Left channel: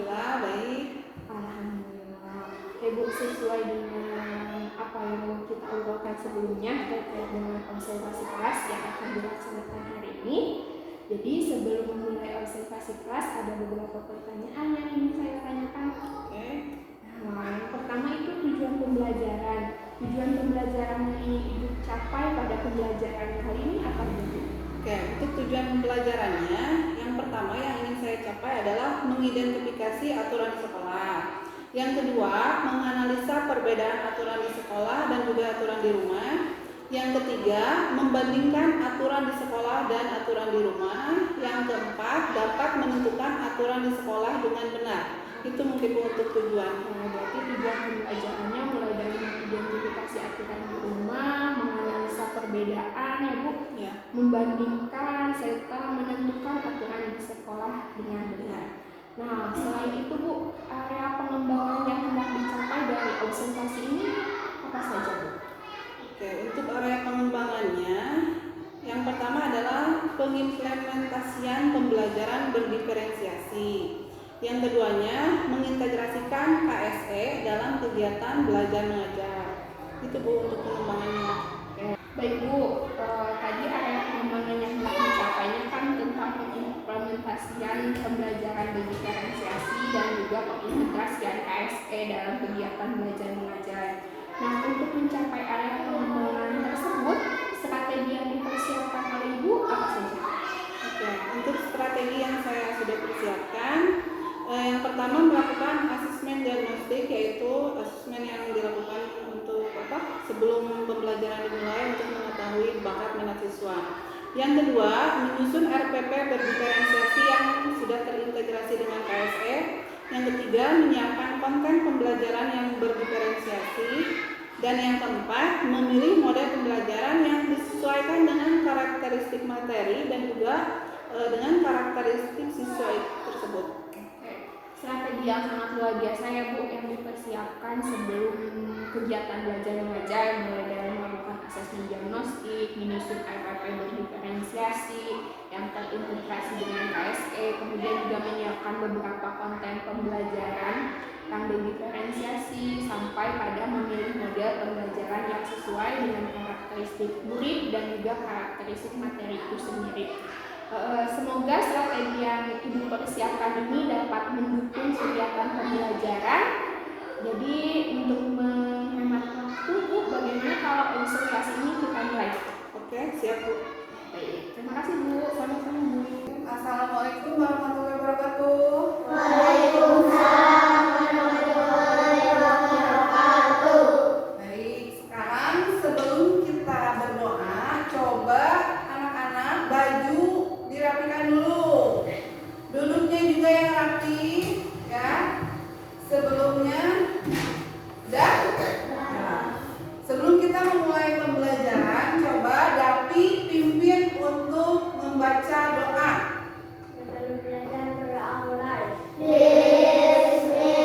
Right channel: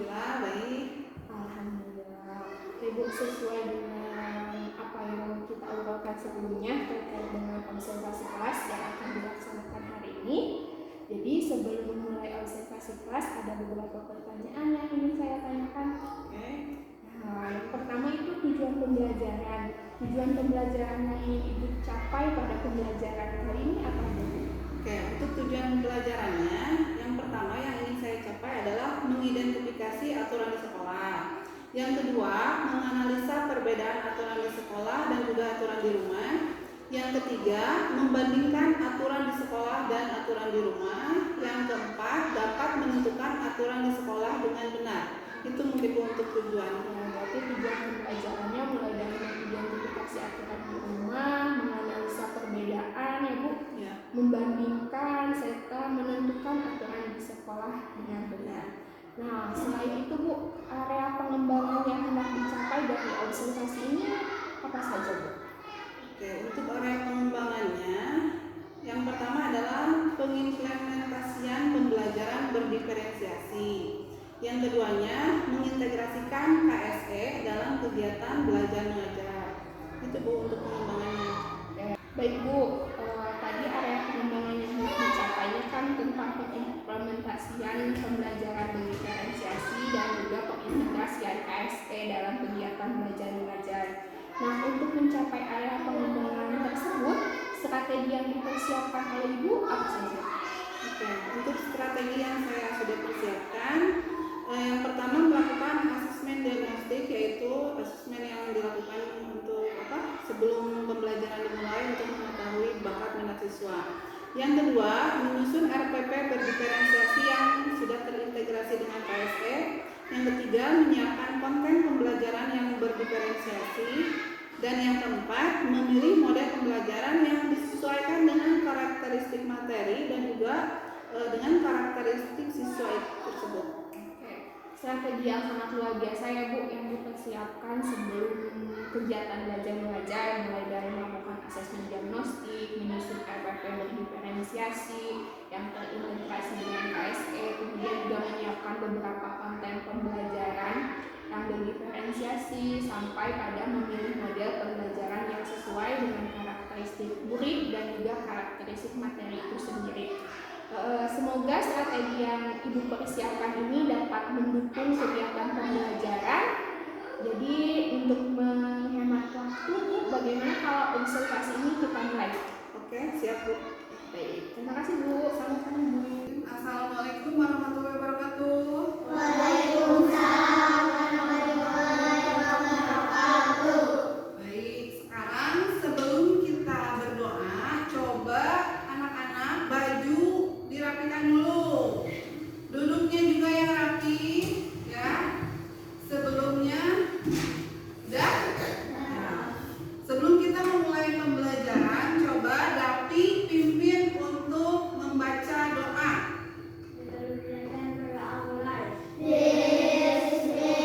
Alhamdulillah baik. Alhamdulillah. Ibu, sesuai dengan apa yang kita obrolkan sebelumnya terkait dengan observasi kelas yang akan dilaksanakan hari ini. Jadi sebelum memulai observasi kelas ada beberapa pertanyaan yang ingin saya tanyakan. Oke. Nah, yang pertama itu tujuan pembelajaran. Tujuan pembelajaran yang Ibu capai pada pembelajaran kali ini apa Bu? Oke, untuk tujuan pelajarannya, yang pertama yang ingin saya capai adalah mengidentifikasi aturan di sekolah. Yang kedua, menganalisa perbedaan aturan di sekolah dan juga aturan di rumah. Yang ketiga, membandingkan aturan di sekolah dan aturan di rumah. Yang keempat, dapat menentukan aturan di sekolah dengan benar. Itu mungkin untuk tujuan. Berarti tujuan pembelajarannya mulai dari mengidentifikasi aturan di rumah, menganalisa perbedaan ya Bu, Ya. membandingkan serta menentukan aturan di sekolah dengan benar. Nah, selain itu Bu, area pengembangan yang hendak dicapai dari observasi ini apa saja Bu? Oke, untuk area pengembangannya, yang pertama adalah pengimplementasian pembelajaran berdiferensiasi. Yang keduanya, mengintegrasikan KSE dalam kegiatan belajar mengajar. Itu Bu untuk pengembangannya. Baik Bu, tadi area pengembangan yang hendak dicapainya kan tentang pengimplementasian pembelajaran berdiferensiasi dan juga pengintegrasian KSE dalam kegiatan belajar mengajar. Nah, untuk mencapai area pengembangan tersebut, strategi yang dipersiapkan oleh Ibu apa saja? Oke, untuk strategi yang saya sudah persiapkan, yang pertama melakukan asesmen diagnostik, yaitu asesmen yang dilakukan untuk sebelum pembelajaran dimulai untuk mengetahui bakat minat siswa. Yang kedua, menyusun RPP berdiferensiasi yang sudah terintegrasi dengan KSE. Yang ketiga, menyiapkan konten pembelajaran yang berdiferensiasi. Dan yang keempat, memilih model pembelajaran yang disesuaikan dengan karakteristik materi dan juga dengan karakteristik siswa tersebut. Strategi yang sangat luar biasa ya Bu, yang dipersiapkan sebelum kegiatan belajar mengajar, mulai dari melakukan asesmen diagnostik, menyusun RPP berdiferensiasi yang terintegrasi dengan KSE, kemudian juga menyiapkan beberapa konten pembelajaran yang berdiferensiasi sampai pada memilih model pembelajaran yang sesuai dengan karakteristik murid dan juga karakteristik materi itu sendiri. Semoga strategi yang Ibu persiapkan ini dapat mendukung kegiatan pembelajaran. Jadi untuk menghemat waktu Bu, bagaimana kalau observasi ini kita mulai? Oke, siap Bu. Baik, terima kasih Bu. Sama-sama Bu. Assalamualaikum warahmatullahi wabarakatuh. Waalaikumsalam warahmatullahi wabarakatuh. Baik, sekarang sebelum kita berdoa, coba anak-anak baju dirapikan dulu. Duduknya juga yang rapi, ya. Sebelumnya, udah? Nah, sebelum kita memulai pembelajaran, coba Dapi pimpin untuk membaca doa. Bismillahirrahmanirrahim.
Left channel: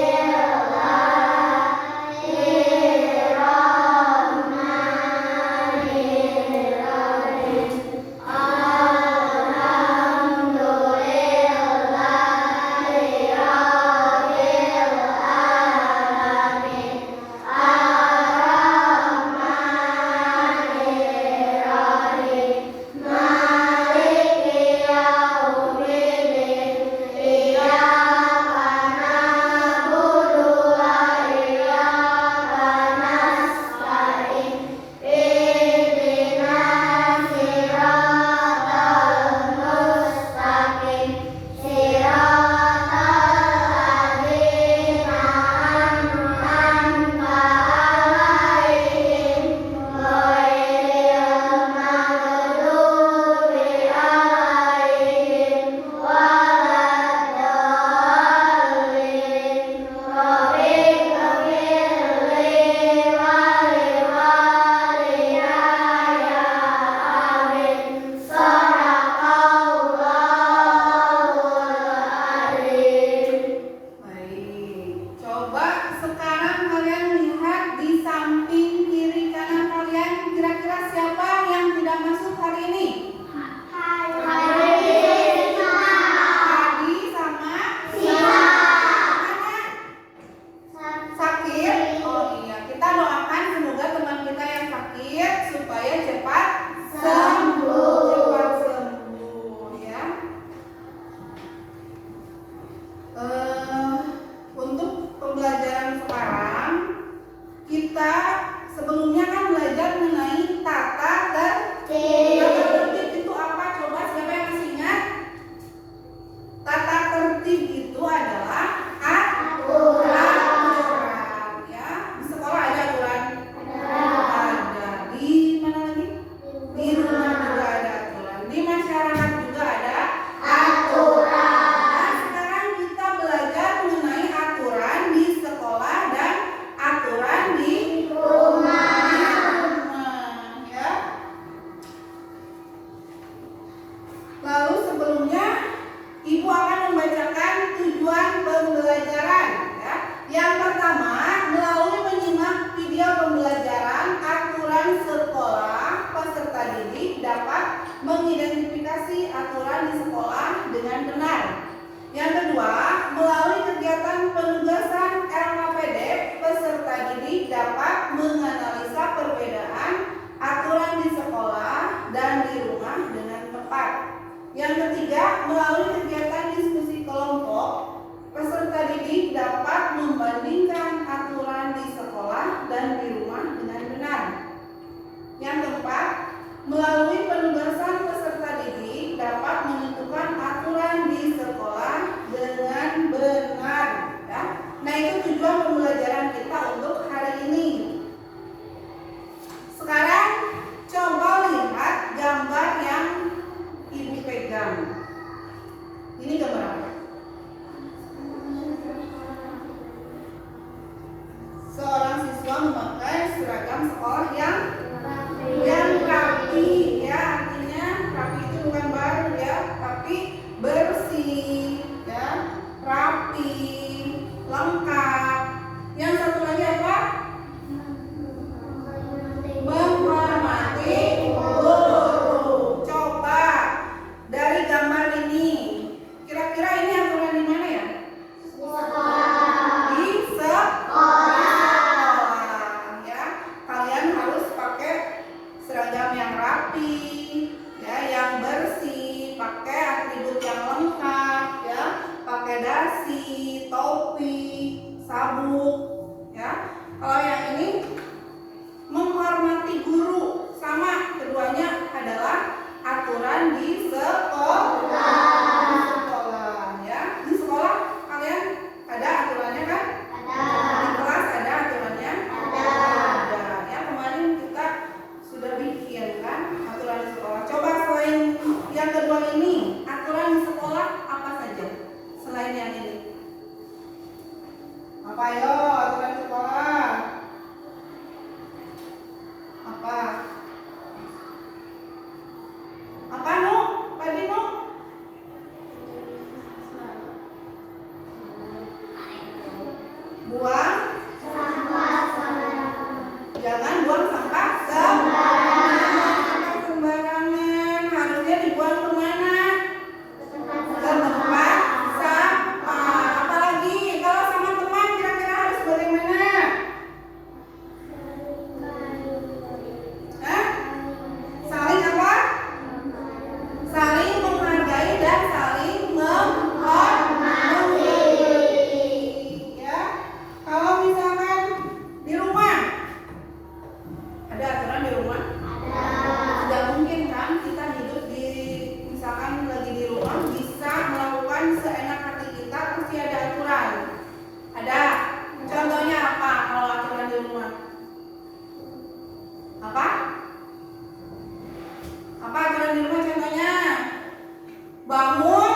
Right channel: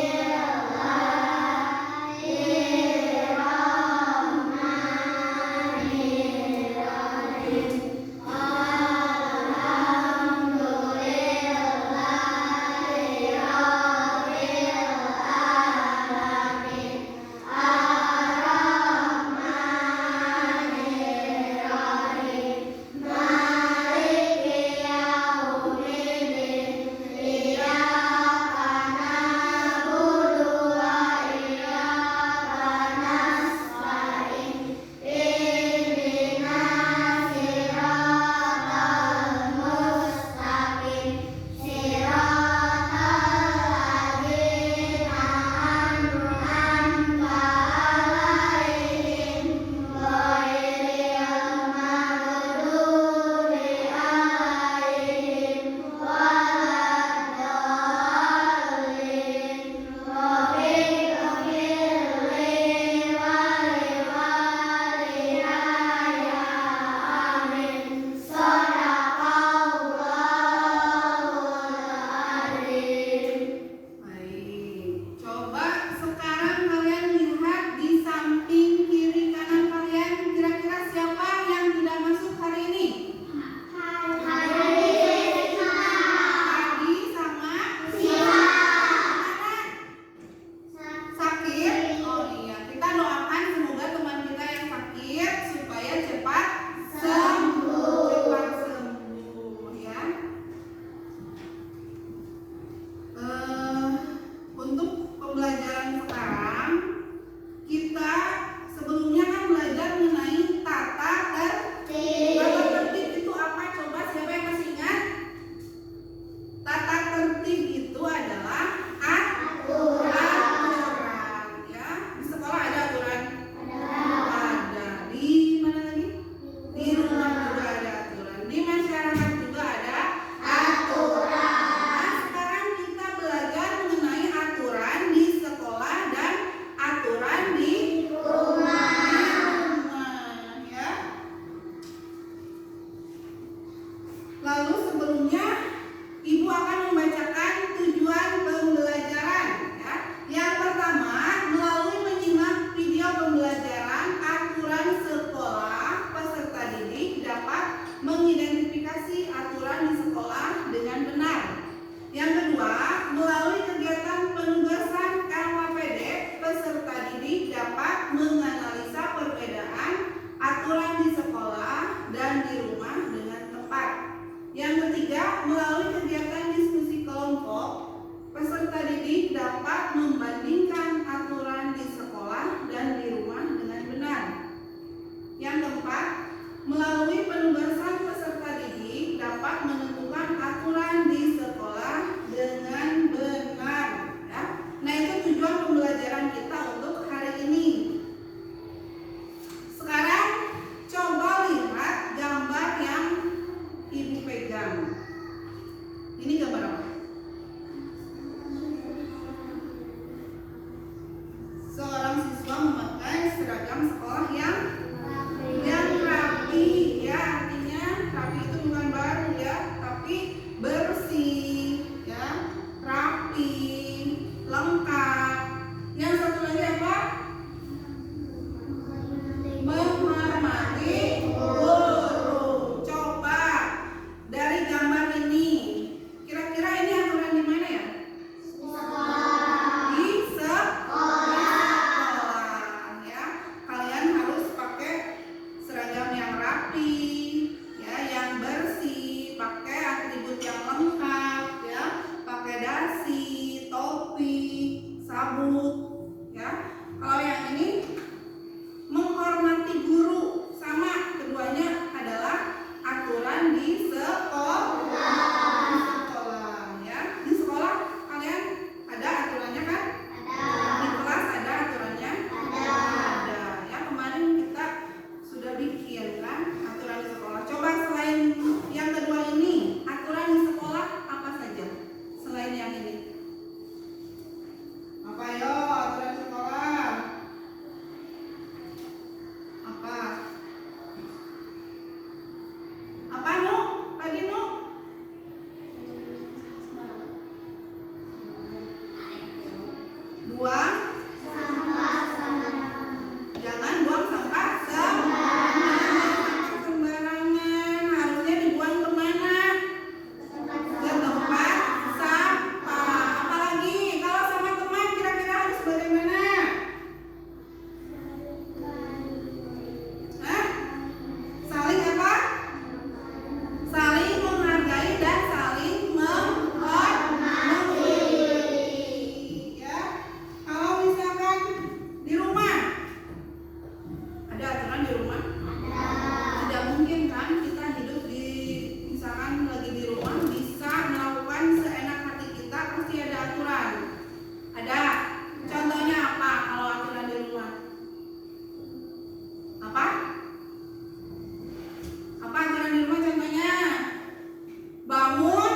Melalui penugasan peserta didik dapat menentukan aturan di sekolah dengan benar, ya. Nah, itu tujuan pembelajaran kita untuk hari ini. Sekarang coba lihat gambar yang Ibu pegang. Ini gambar apa? Seorang siswa memakai seragam sekolah yang rapi, ya. Artinya rapi itu bukan baru, ya, tapi bersih, ya, rapi, lengkap. Yang satu lagi apa? Menghormati guru. Coba dari gambar ini, kira-kira ini aturan di mana ya? Di sekolah, ya. Kalian harus pakai seragam yang rapi, ya, yang bersih, pakai atribut yang lengkap, ya, pakai dasi, topi, sabuk, ya. Kalau yang ini menghormati guru, sama, keduanya adalah aturan di sekolah, ya. Di sekolah kalian ada aturannya kan? Di kelas ada aturannya? Ada, ya. Kemarin kita sudah bikin kan aturan di sekolah. Coba selain yang kedua ini, aturan di sekolah apa saja selain yang ini? Apa yo aturan di sekolah? Apa? Apa Nu? Tadi Nu? Buang jangan buang sampah sembarangan. Harusnya dibuang kemana? Ke tempat sampah. Apalagi kalau sama teman kira-kira harus bagaimana? Hah? Saling apa? Saling menghargai dan saling menghormati, ya. Kalau misalkan di rumah ada aturan di rumah? Tidak mungkin kan kita hidup di, misalkan lagi di rumah bisa melakukan seenak hati kita, pasti ada aturan. Ada. Contohnya apa kalau aturan di rumah? Apa? Apa aturan di rumah contohnya? Bangun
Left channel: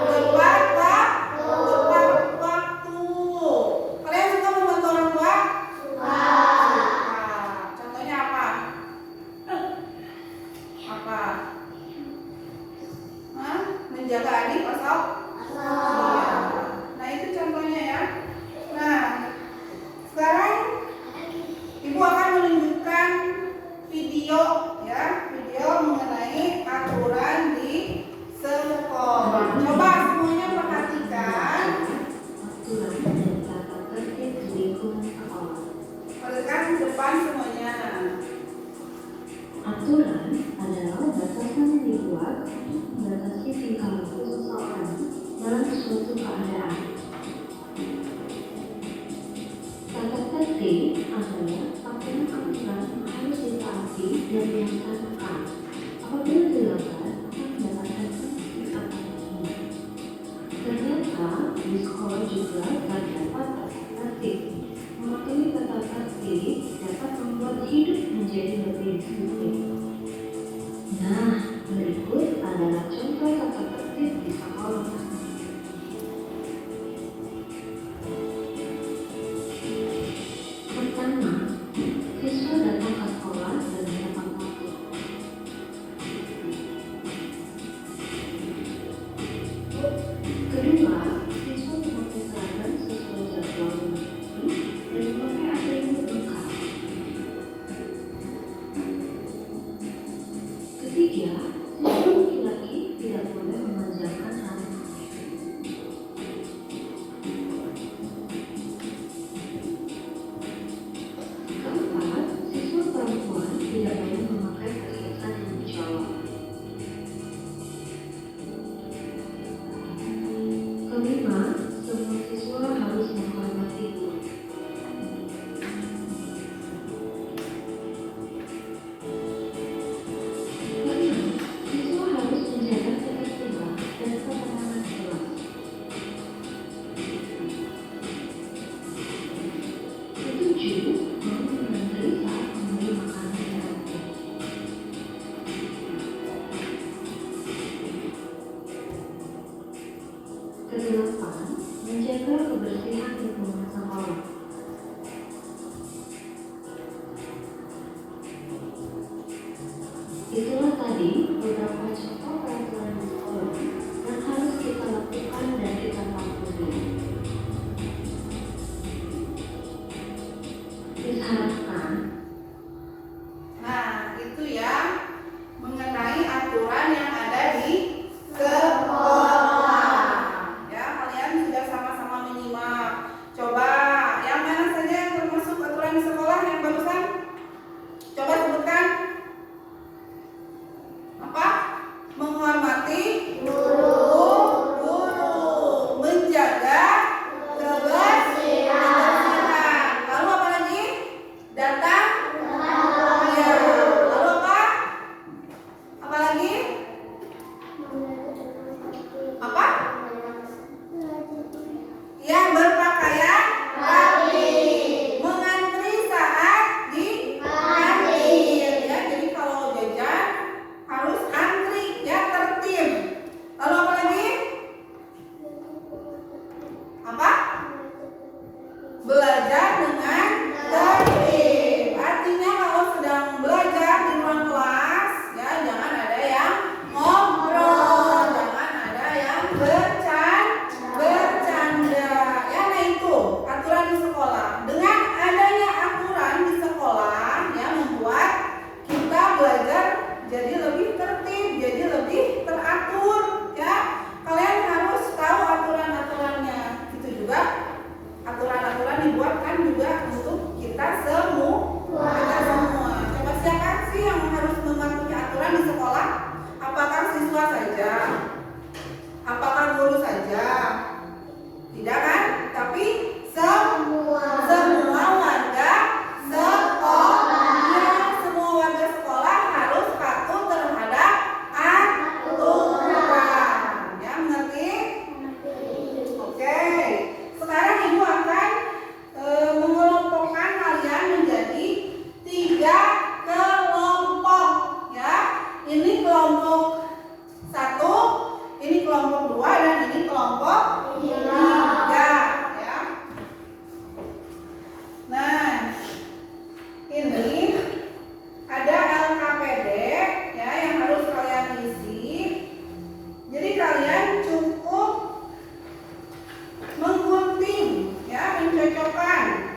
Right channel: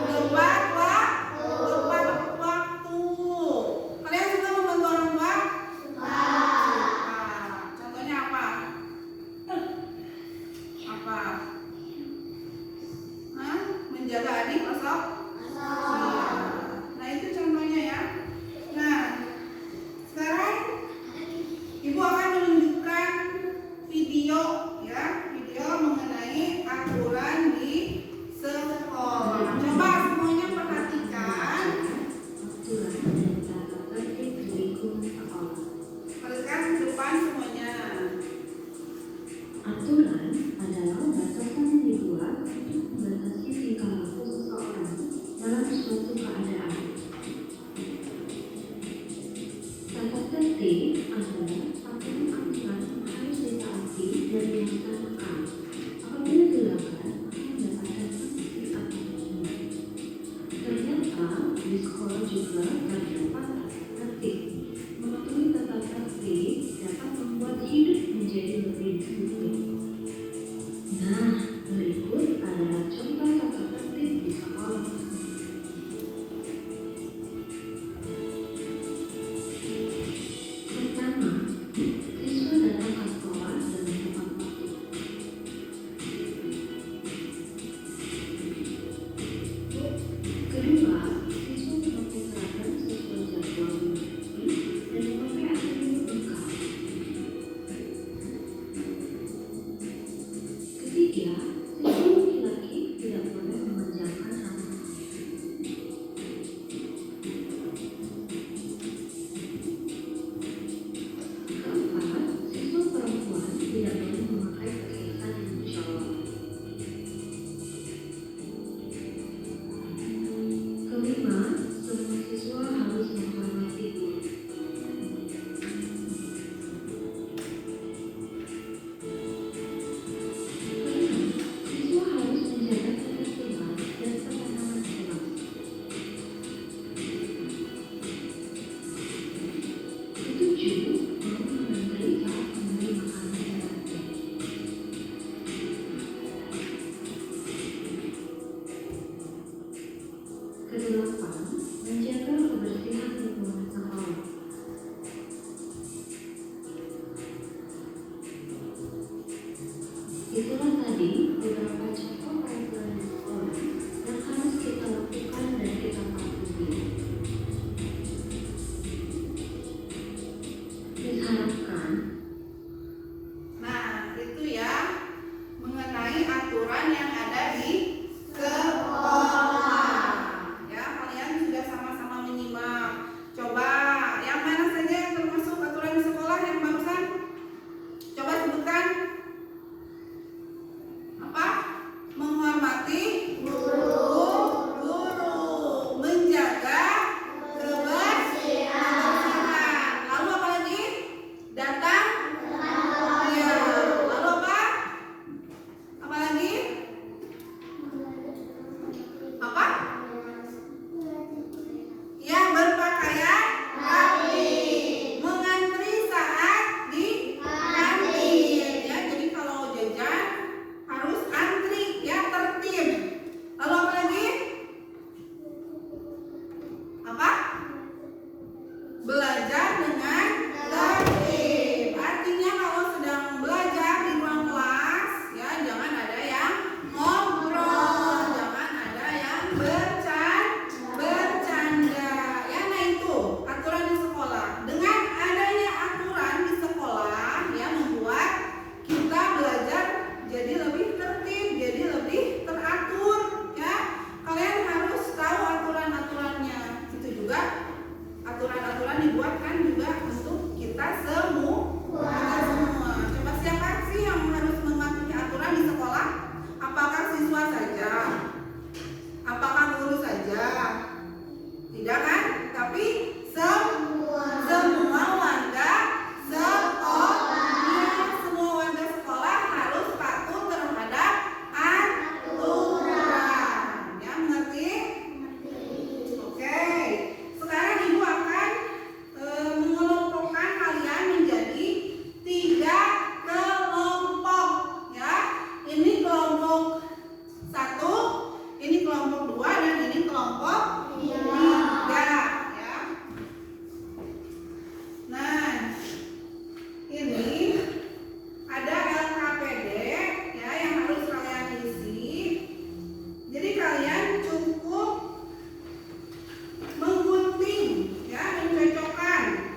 tepat waktu. Kalian suka membantu orang tua? Suka. Contohnya apa? Apa? Hah? Menjaga adik atau? Iya. Nah, itu contohnya, ya. Nah, sekarang Ibu akan menunjukkan video, ya, video mengenai aturan di sekolah. Coba semuanya perhatikan. Perhatikan ke depan semuanya. Aturan adalah batasan yang dibuat untuk membatasi tingkah laku seseorang dalam suatu keadaan. Tata tertib adalah aturan-aturan yang harus ditaati dan dilaksanakan. Apabila dilanggar, akan mendapatkan sanksi atau hukuman. Ternyata di sekolah juga terdapat tata tertib. Mematuhi tata tertib dapat membuat hidup menjadi lebih disiplin. Nah, berikut adalah contoh tata tertib di sekolah. Pertama, siswa datang ke sekolah dengan tepat waktu. Kedua, siswa memakai seragam sesuai jadwal dan memakai atribut lengkap. Ketiga, siswa laki-laki tidak boleh memanjangkan rambut. Keempat, siswa perempuan tidak boleh memakai perhiasan yang mencolok. Kelima, semua siswa harus menghormati guru. Itulah tadi beberapa contoh peraturan di sekolah yang harus kita lakukan dan kita patuhi. Diharapkan Nah, itu ya mengenai aturan yang ada di sekolah. Ya, kalian sudah sama-sama menyimak. Coba yang mana saja yang termasuk aturan di sekolah yang barusan? Coba sebutkan. Apa? Menghormati guru, menjaga kebersihan. Lalu apa lagi? Datang. Ya. Lalu apa? Apa lagi? Apa? Ya, berpakaian rapi. Mengantri saat di kantin. Ya, jadi kalau jajan harus antri, ya, tertib. Lalu apa lagi? Apa? Belajar dengan tertib. Artinya kalau sedang belajar di ruang kelas, ya jangan ada yang ngobrol, jangan ada yang bercanda. Ya, nah itu aturan di sekolah. Dengan adanya aturan di sekolah, ya membuat kita belajar jadi lebih tertib, jadi lebih teratur. Ya, kalian harus tahu aturan-aturannya. Itu juga aturan-aturan dibuatkan juga untuk kita semua. Coba siapa sih yang harus mematuhi aturan di sekolah? Apakah siswa saja? Apakah guru saja? Tidak kan? Tapi semua warga sekolah. Ya, semua warga sekolah harus patuh terhadap aturan. Ya, mengerti? Oke. Sekarang Ibu akan mengelompokkan kalian menjadi 3 kelompok. Ya, ini kelompok 1, ini kelompok 2, dan ini kelompok 3. Ya. Nah, ini ada LKPD ya yang harus kalian isi. Jadi kalian cukup menggunting, ya, mencocokkan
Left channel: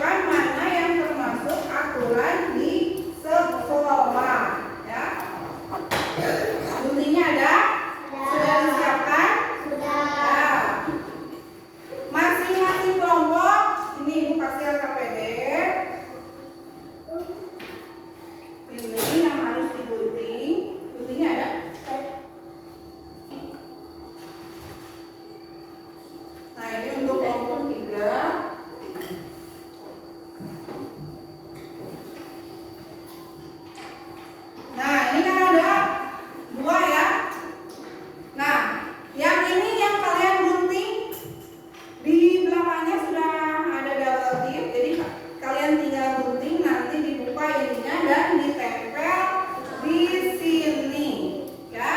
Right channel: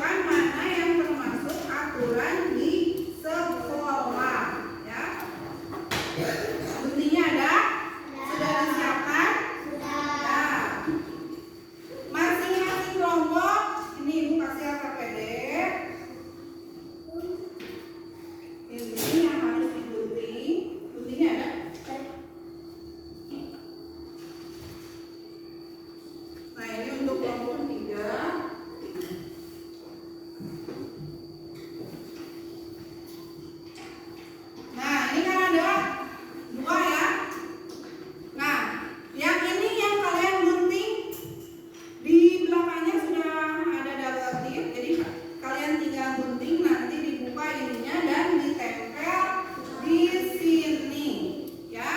mana yang termasuk aturan di sekolah. Ya, guntingnya ada? Sudah disiapkan? Ya. Masing-masing kelompok ini Ibu kasih LKPD. Ini yang harus digunting. Guntingnya ada? Nah, ini untuk kelompok 3. Nah, ini kan ada 2 ya. Nah, yang ini yang kalian gunting di belakangnya sudah ada double tip. Jadi kalian tinggal gunting, nanti dibuka ininya dan ditempel di sini. Ya.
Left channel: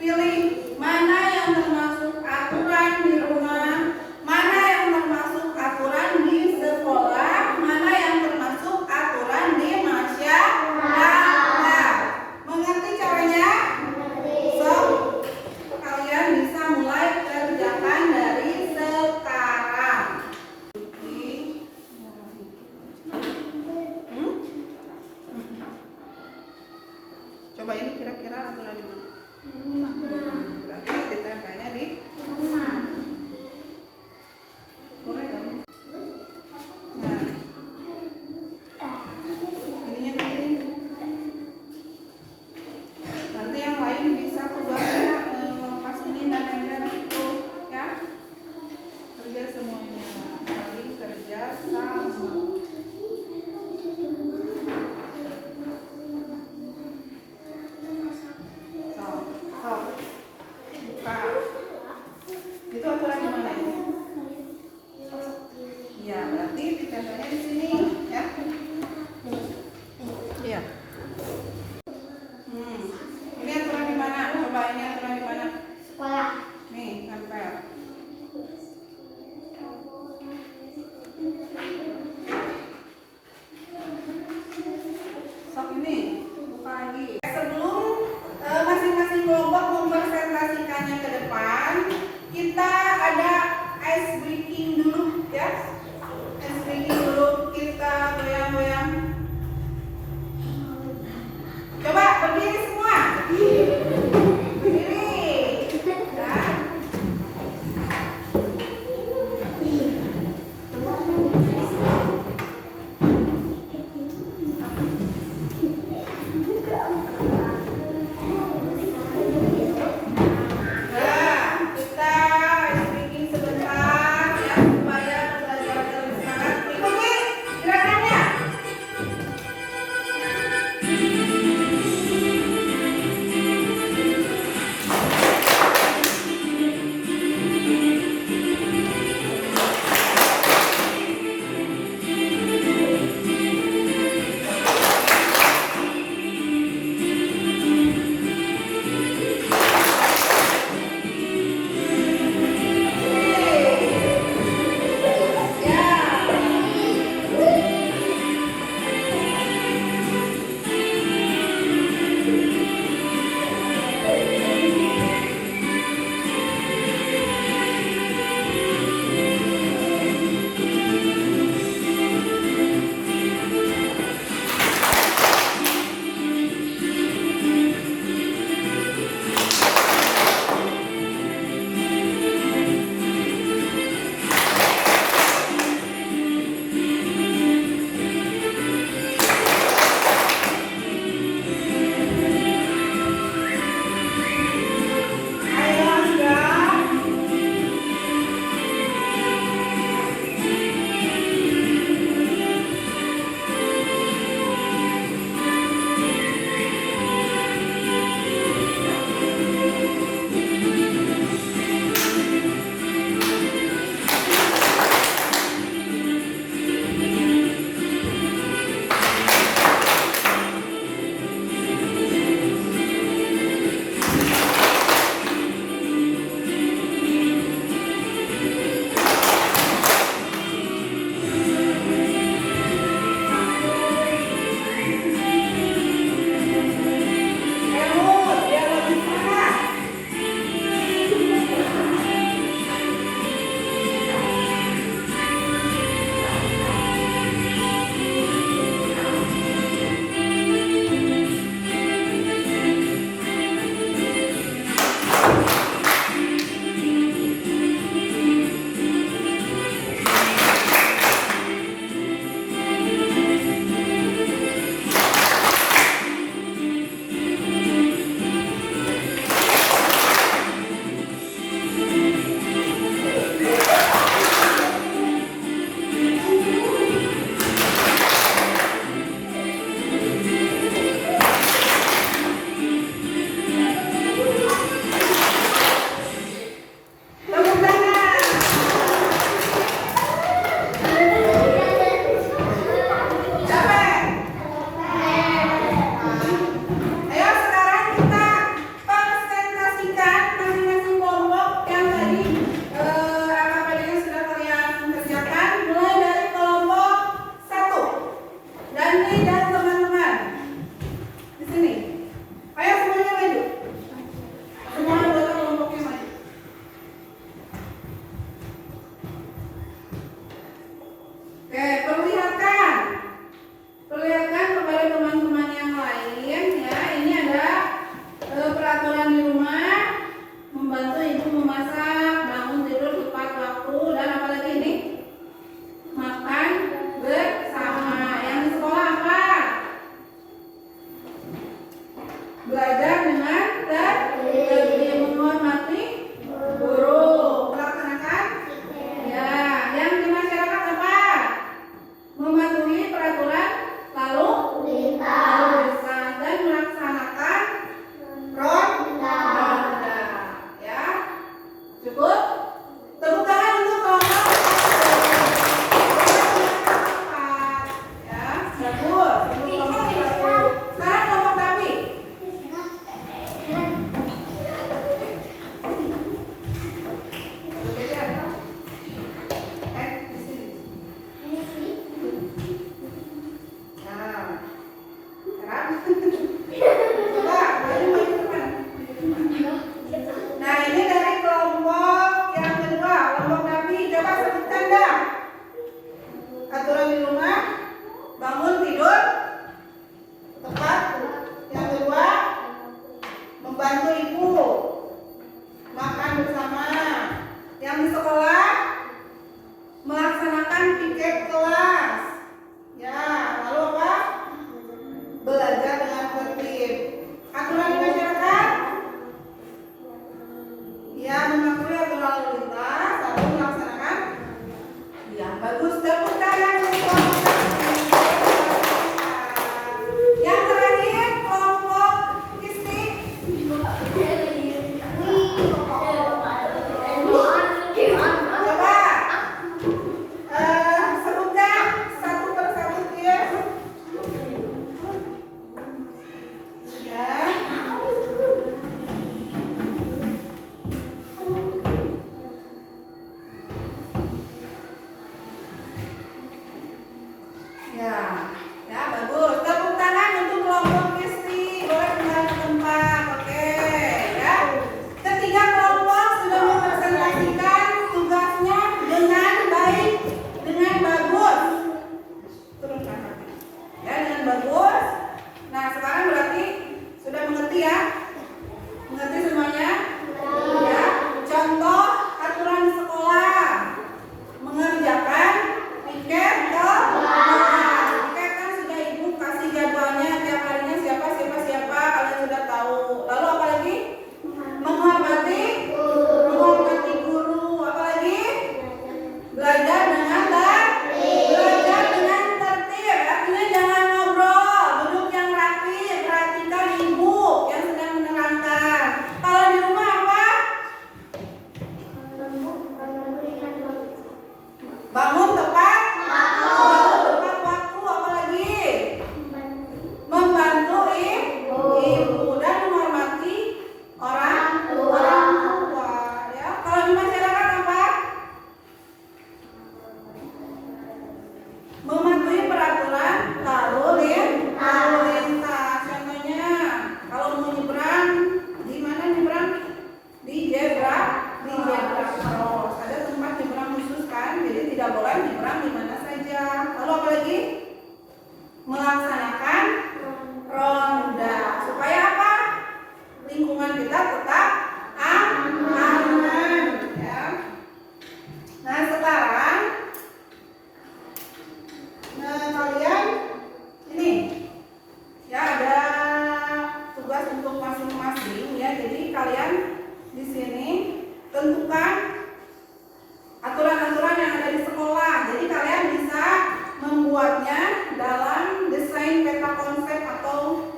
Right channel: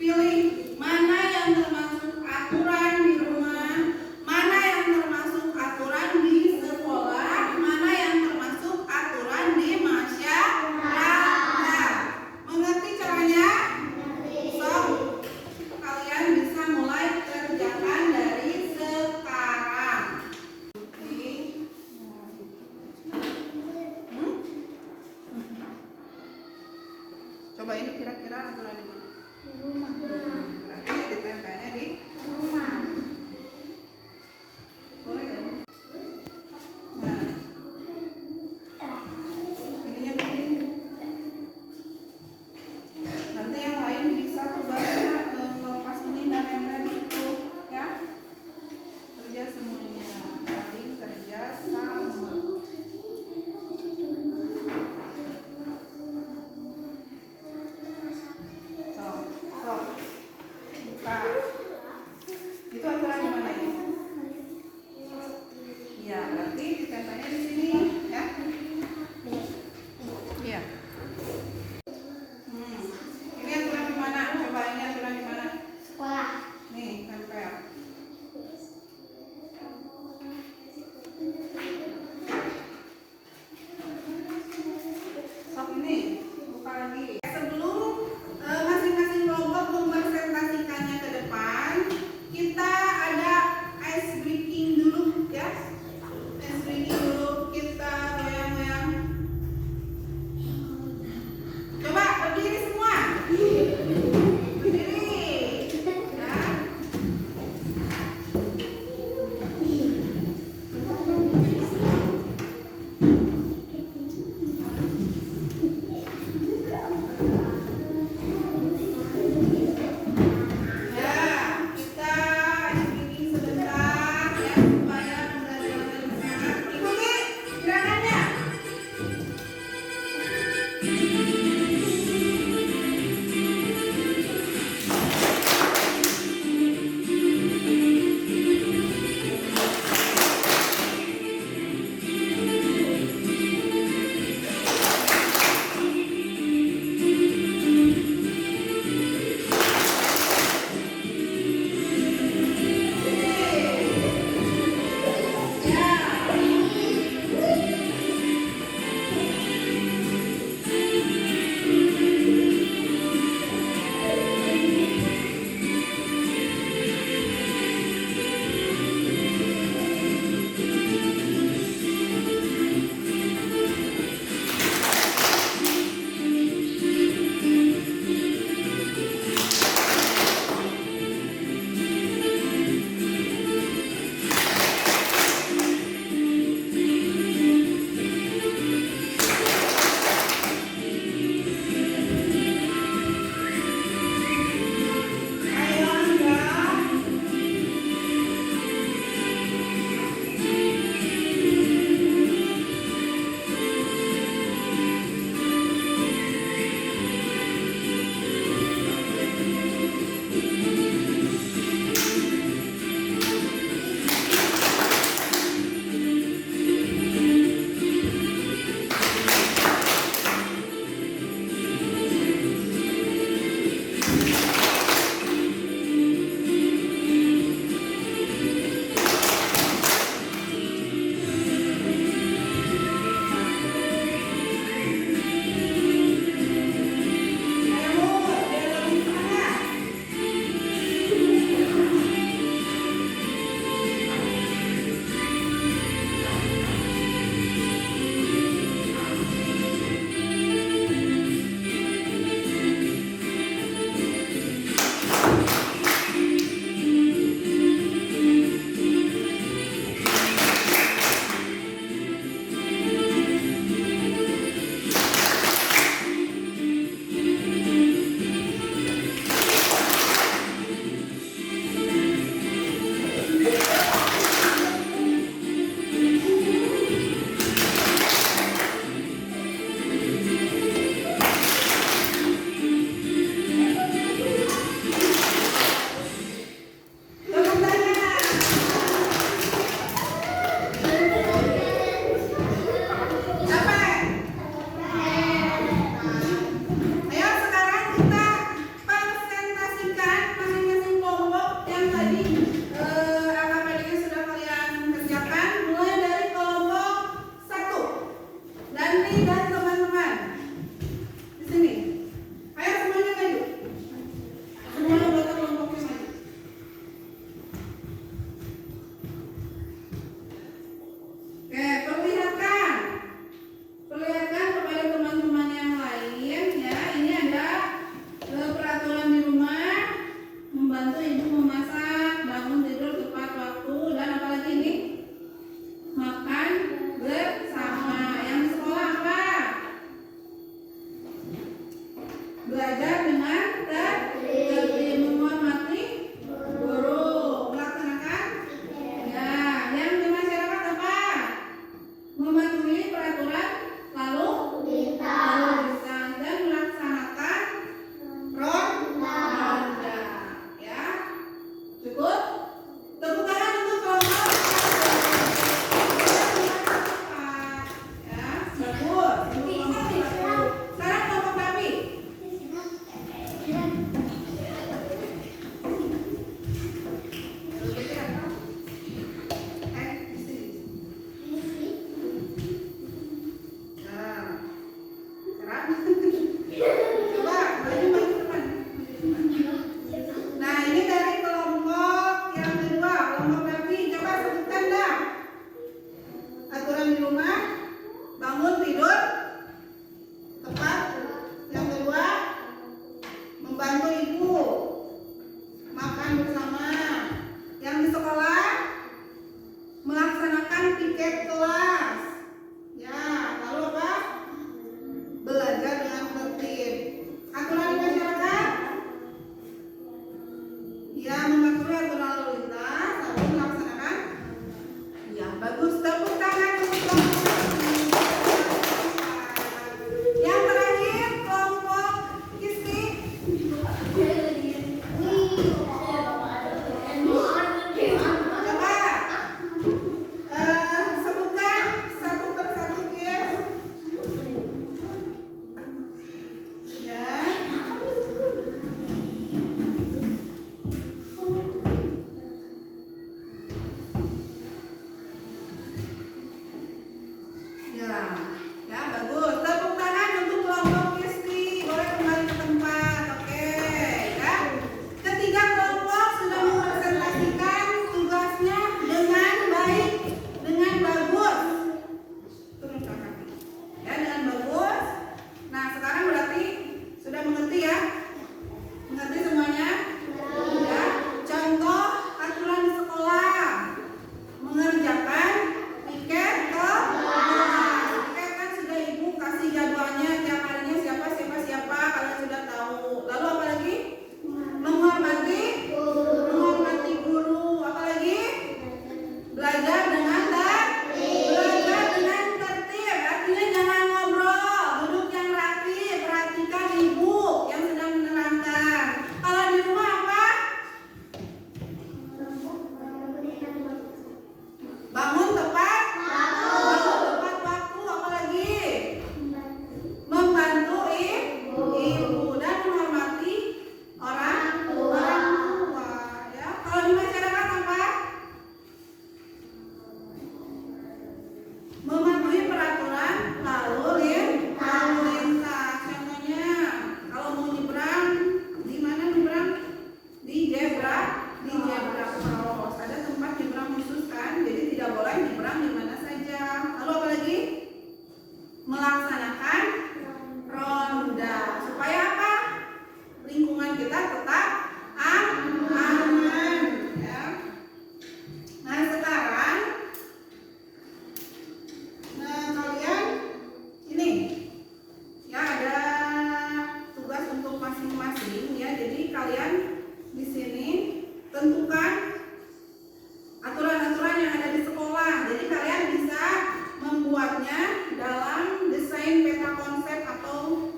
Pilih mana yang termasuk aturan di rumah, mana yang termasuk aturan di sekolah, mana yang termasuk aturan di masyarakat. Mengerti caranya? So, kalian bisa mulai kerjakan dari sekarang. Coba ini kira-kira aturan di mana? Berarti ditempelnya di boleh ya? Nah, ininya begini. Nanti yang lain bisa tugasnya lepas ini dan nempel itu, ya. Kerja semuanya, saling kerja sama. So, buka. Itu aturan di mana ini? Ya, berarti ditempelnya di sini, ya. Iya. Ini aturan di mana? Coba ini aturan di mana? Sekolah. Nih, nempel. Sok ini. melaksanakan ronda. Supaya apa? Lingkungan kita tetap aman, ya. Nah, sekarang kalian ini ya ada tugas untuk masing-masing ya. Jadi kalian di sini tentukan aturan-aturan yang ada di sekolah. Jadi kalian bisa membuatnya dalam desain peta konsep atau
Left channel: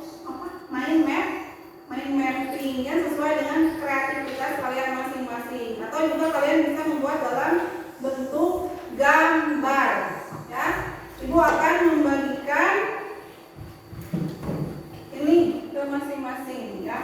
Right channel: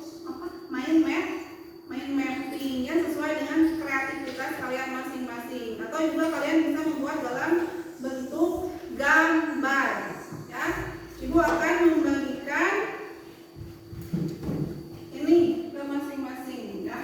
mind mapping ya, sesuai dengan kreativitas kalian masing-masing. Atau juga kalian bisa membuat dalam bentuk gambar ya. Ibu akan membagikan ini ke masing-masing ya.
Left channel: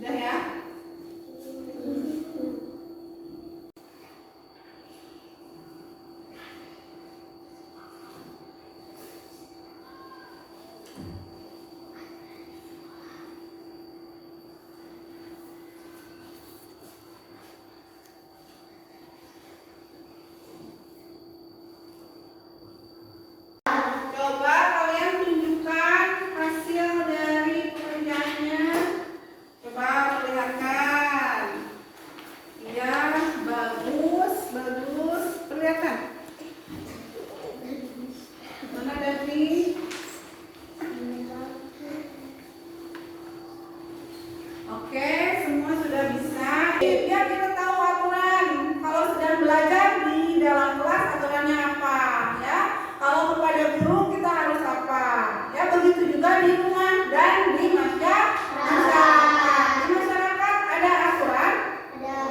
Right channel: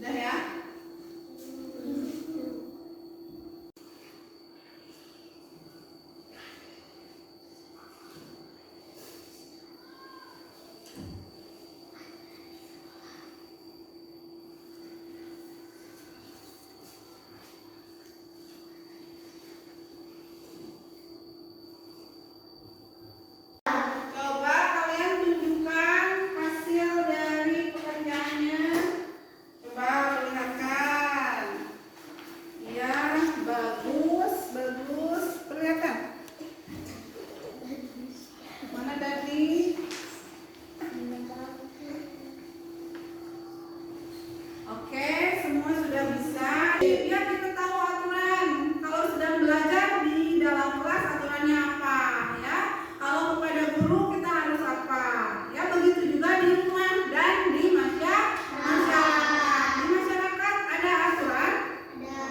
Sudah ya? Coba kalian tunjukkan hasil dari pekerjaannya. Coba perlihatkan. Iya, bagus, bagus. Perlihatkan. Mana tadi? Oke, semua sudah bisa. Biar kita tahu aturan. Kalau sedang belajar di dalam kelas aturannya apa, ya. Kalau kepada guru kita harus apa, ya. Begitu juga di rumah dan di masyarakat. Di masyarakat ada aturan,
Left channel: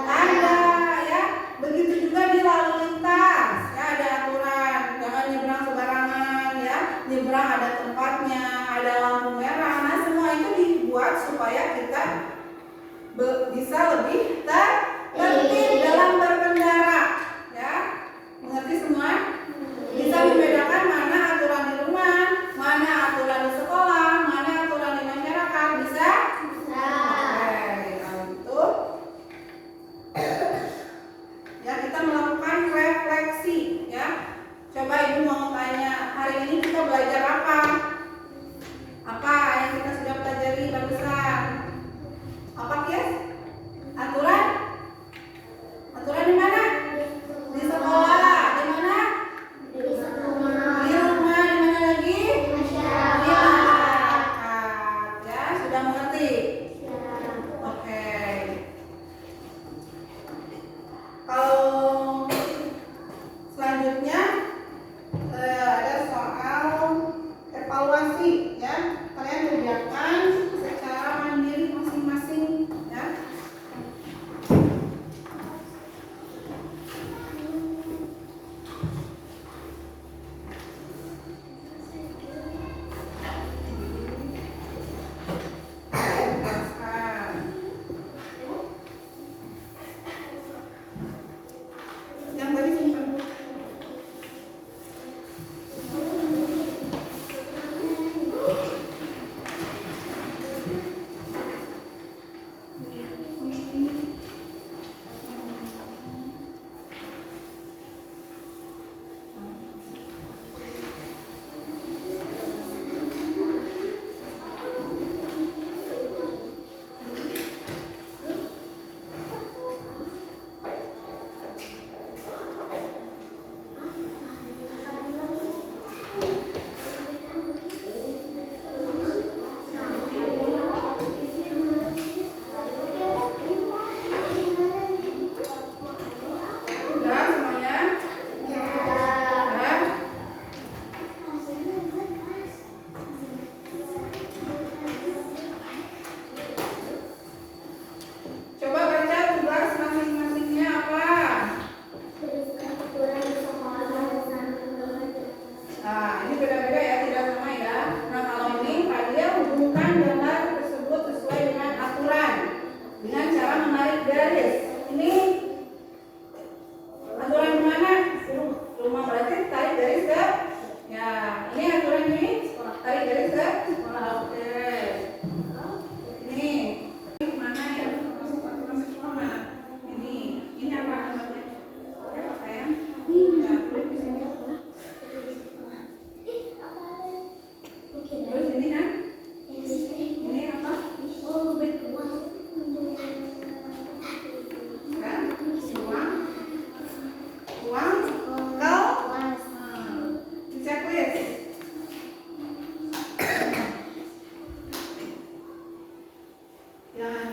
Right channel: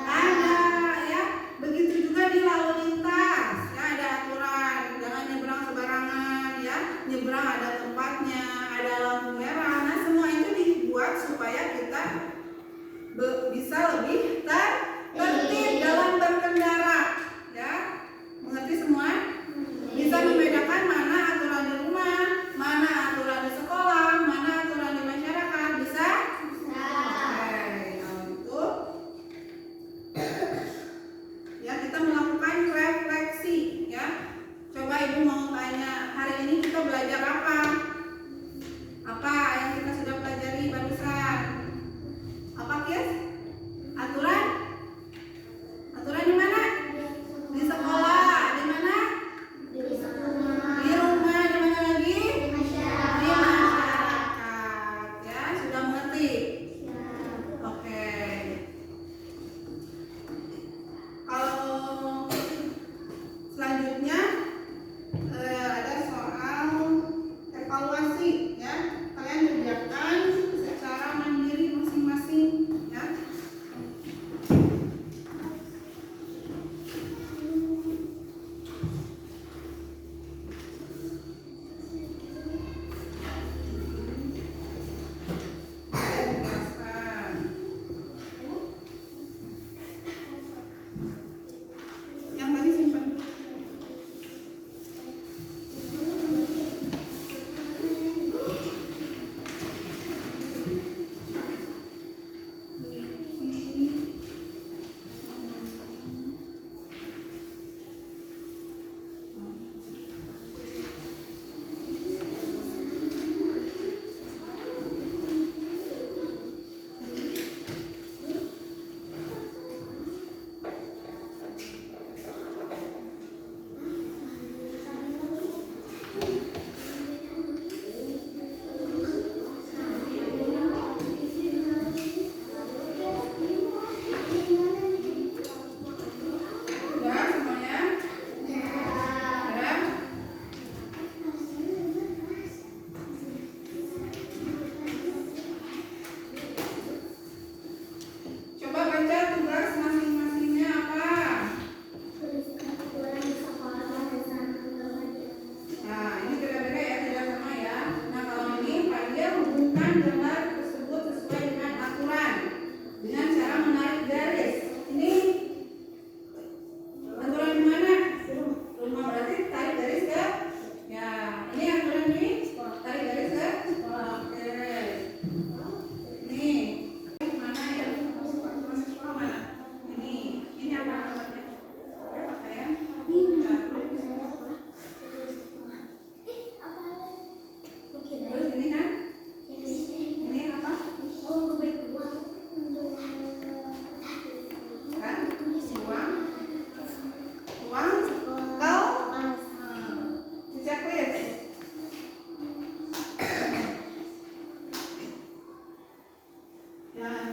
ada, ya. Begitu juga di lalu lintas, ya, ada aturan. Jangan nyebrang sembarangan, ya. Nyebrang ada tempatnya, ada lampu merah. Nah, semua itu dibuat supaya kita bisa lebih tertib dalam berkendara, ya. Mengerti semua? Bisa membedakan mana aturan di rumah, mana aturan di sekolah, mana aturan di masyarakat. Bisa? Oke, kalau gitu ya kita melakukan refleksi, ya. Coba ibu mau tanya, hari ini kita belajar apa? Apa yang kita sudah pelajari barusan? Apa, Kis? Aturan? Aturan di mana? Di sekolah. Di mana? Di rumah. Di mana lagi? Di masyarakat. Ya, sudah mengerti? Oke. Kalau selanjutnya ada soal evaluasi, ya. Kalian kerjakan secara mandiri masing-masing, ya.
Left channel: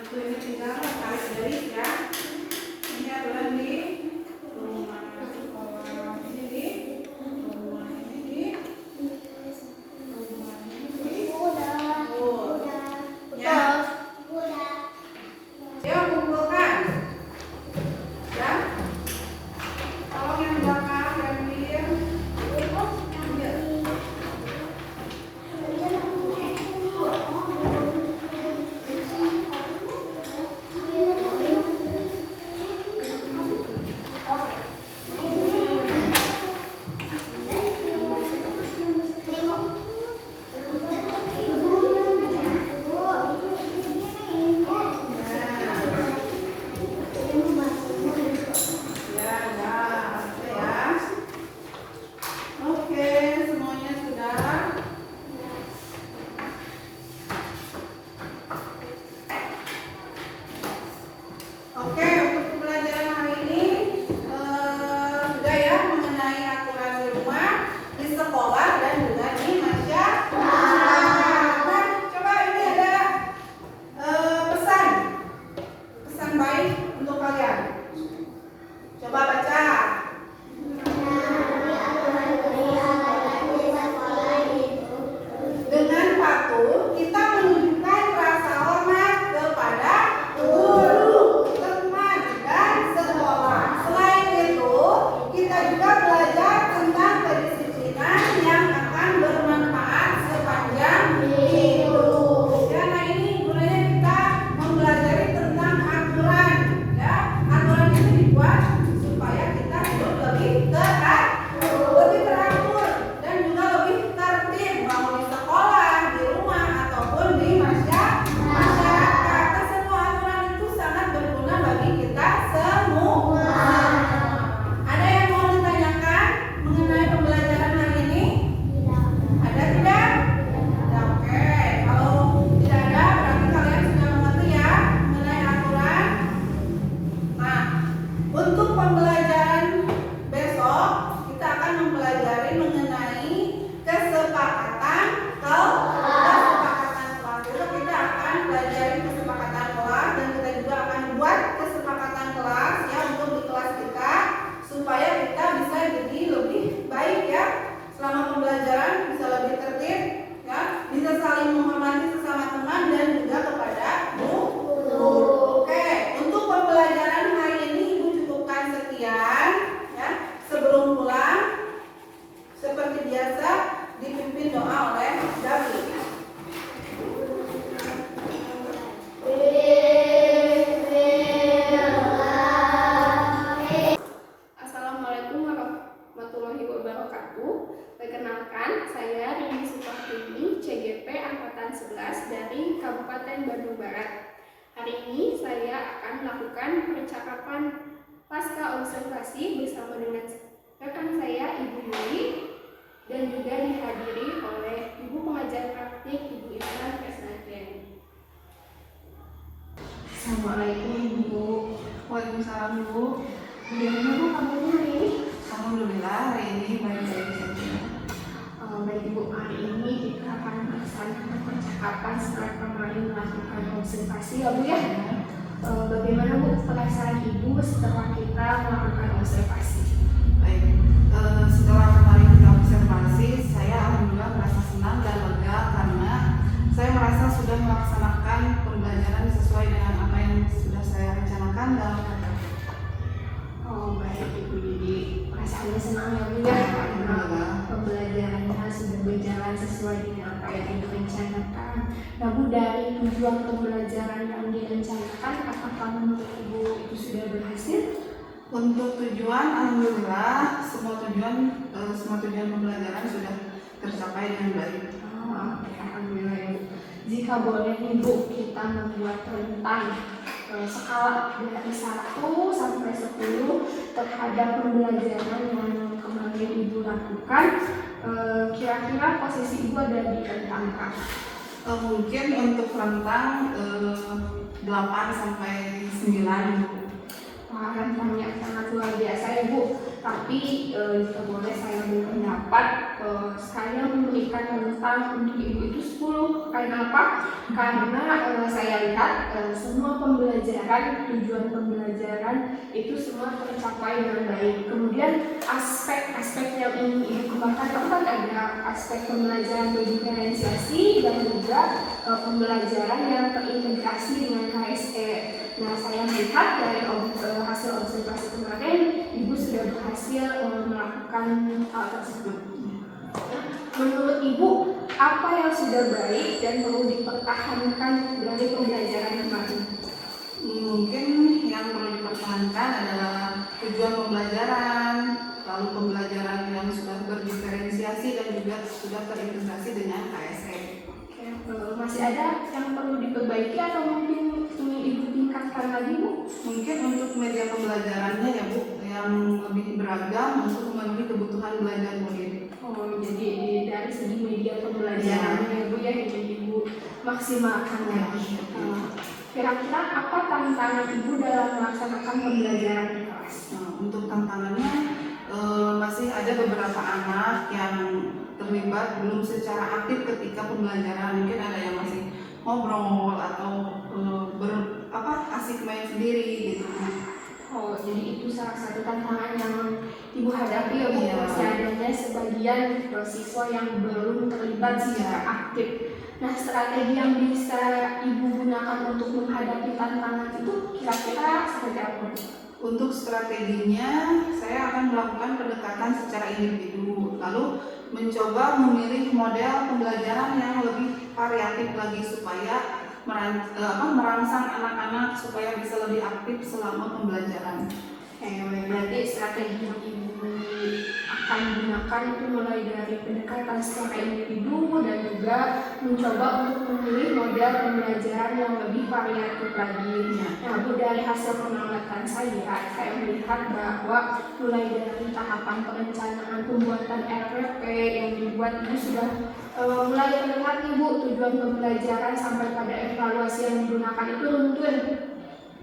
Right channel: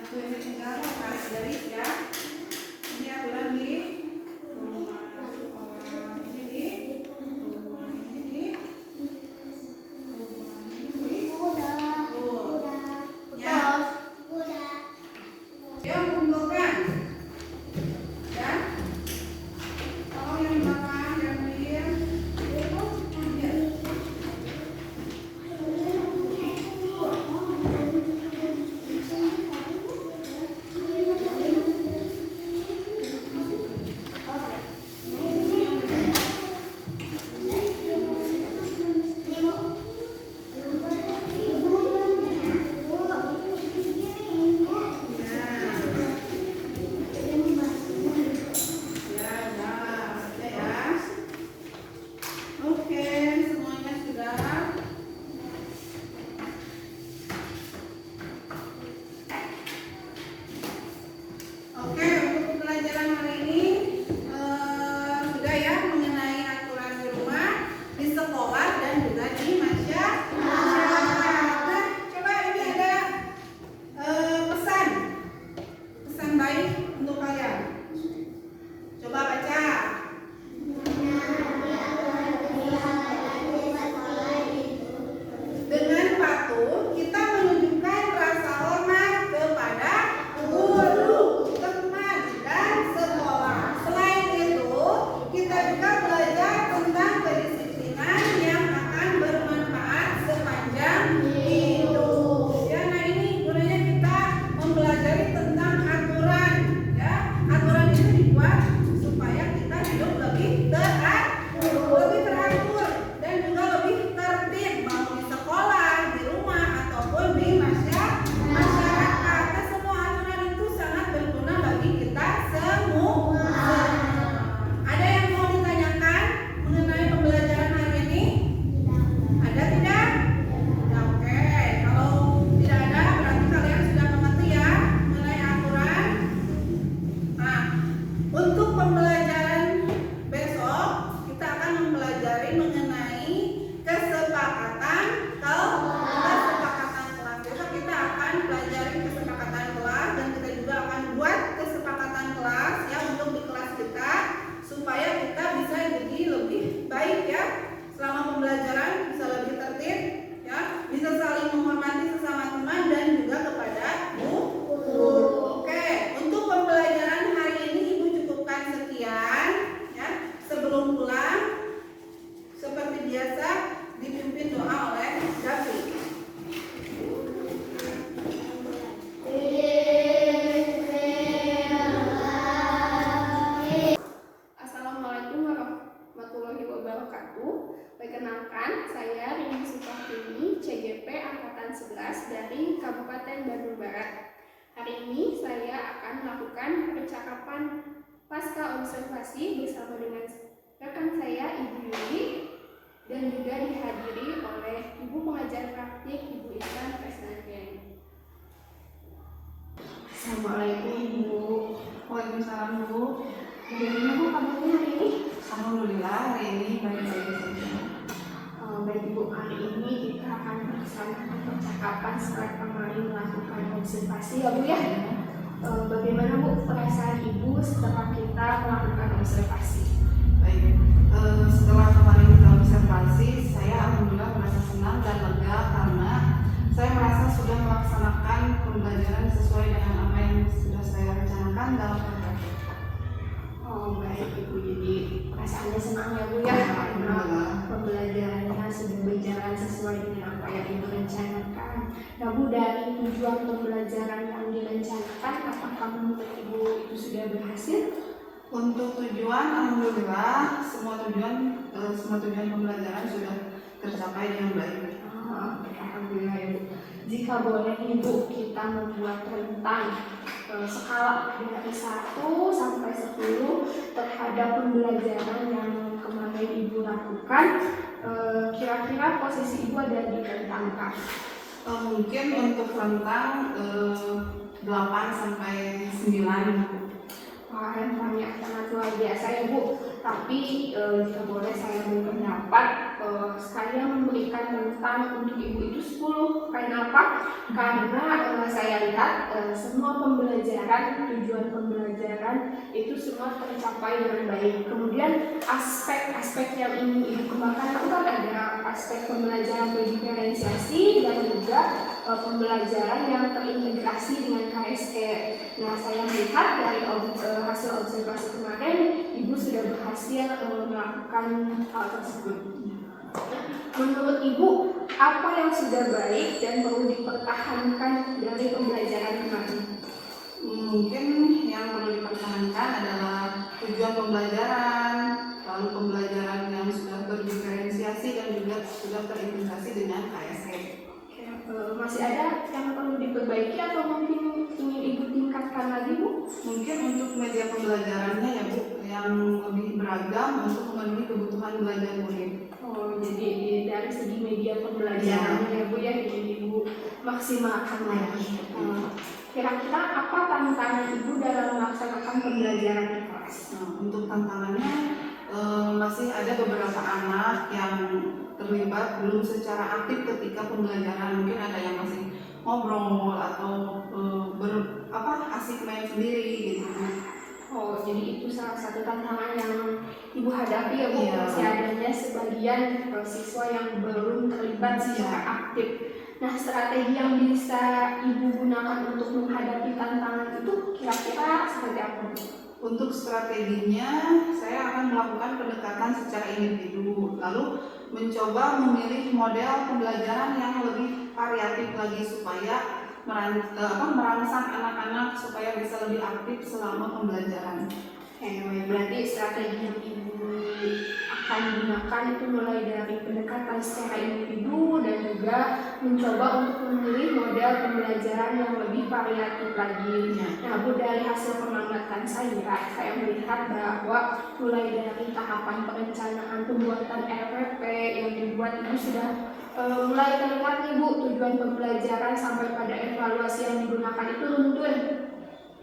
Itu ini tinggal tarik garis ya. Ini adalah di rumah sekolah, ini di rumah, ini di rumah, ini di ya. Yang mengumpulkan ya. Tolong yang belakang dan biar Perkenalkan, saya Rini Supartini, CGP Angkatan 11 dari Kabupaten Bandung Barat. Hari ini saya akan melakukan percakapan pasca observasi bersama dengan rekan saya, Ibu Yuli, dan juga dihadiri oleh Ibu Pengajar Praktik, Ibu Islan Kesnatiani. Assalamualaikum Ibu. Waalaikumsalam Bu. Bagaimana Bu kabarnya hari ini? Alhamdulillah hari ini baik-baik saja. Baik Ibu, hari ini kita akan melaksanakan percakapan setelah kemarin melakukan observasi ya Bu ya. Bagaimana Bu perasaan Ibu setelah kita melakukan observasi? Baik, setelah kemarin kita observasi, saya alhamdulillah merasa senang dan lega karena saya merasa sudah melaksanakan pembelajaran sesuai dengan apa yang sudah saya rencanakan dalam KTP. Oh baik Ibu, jadi perasaannya senang ya Bu ya karena pembelajarannya sudah berjalan sesuai dengan apa yang Ibu rencanakan. Nah Bu, dari tujuan pembelajaran yang direncanakan, apakah menurut Ibu itu sudah berhasil? Untuk tujuan, alhamdulillah semua tujuan pembelajaran sudah tercapai dengan baik. Oh, alhamdulillah ya Bu. Jika boleh nih Bu, kita membuat rentang skala dari 1 sampai 10 terhadap pembelajaran yang kemarin Ibu lakukan. Kira-kira posisi Ibu ada di rentang berapa? Mungkin untuk rentang 8 sampai 9. Wah, rentangnya sangat luar biasa ya Bu. Tapi jika boleh saya berpendapat saya memberikan rentang untuk ibu itu 10. Karena apa? Karena saya lihat semua pembelajaran, tujuan pembelajaran itu semua tercapai dengan baik. Kemudian aspek-aspek yang ingin ibu kembangkan itu kan ada aspek pembelajaran berdiferensiasi dan juga pembelajaran yang terintegrasi dengan KSE. Nah, saya melihat dari hasil observasi kemarin, ibu sudah berhasil melakukan hal tersebut. Menurut ibu, apa yang sudah baik dan perlu dipertahankan dari pembelajaran kemarin? Mungkin yang perlu dipertahankan adalah tujuan pembelajaran, lalu pembelajaran yang sudah berdiferensiasi dan juga sudah terintegrasi dengan KSE. Masih ada yang perlu diperbaiki atau mungkin ingin ibu tingkatkan lagi, Bu? Mungkin untuk media pembelajarannya ya Bu, yang lebih beragam untuk memenuhi kebutuhan belajar murid. Oh, jadi dari segi media pembelajarannya ya Bu ya, ingin ibu maksimalkan lagi. Kira-kira apa tantangan ibu dalam melaksanakan pembelajaran di kelas? Untuk tantangannya masih ada beberapa anak yang terlibat belum secara aktif ketika pembelajaran. Mungkin ada yang masih ngobrol atau asik main sendiri gitu. Oh, jadi itu salah satu tantangan yang ibu hadapi ya Bu. Iya. Masih adanya sebagian siswa yang belum terlibat secara aktif. Nah, strategi yang bisa ibu gunakan untuk menghadapi tantangan itu kira-kira seperti apa, Bu? Untuk strateginya, saya akan melakukan pendekatan secara individu, lalu mencoba memilih model pembelajaran yang lebih variatif lagi supaya merangsang anak-anak supaya bisa lebih aktif selama pembelajaran. Berarti strategi yang ibu akan gunakan itu mulai dari pendekatan secara individu dan juga mencoba untuk memilih model pembelajaran yang lebih variatif lagi. Nah, Bu, dari hasil pengamatan saya melihat bahwa mulai dari tahapan perencanaan pembuatan RPP yang dibuat ini sudah mulai terlihat nih Bu, tujuan pembelajaran sampai pada evaluasi yang digunakan itu runtun.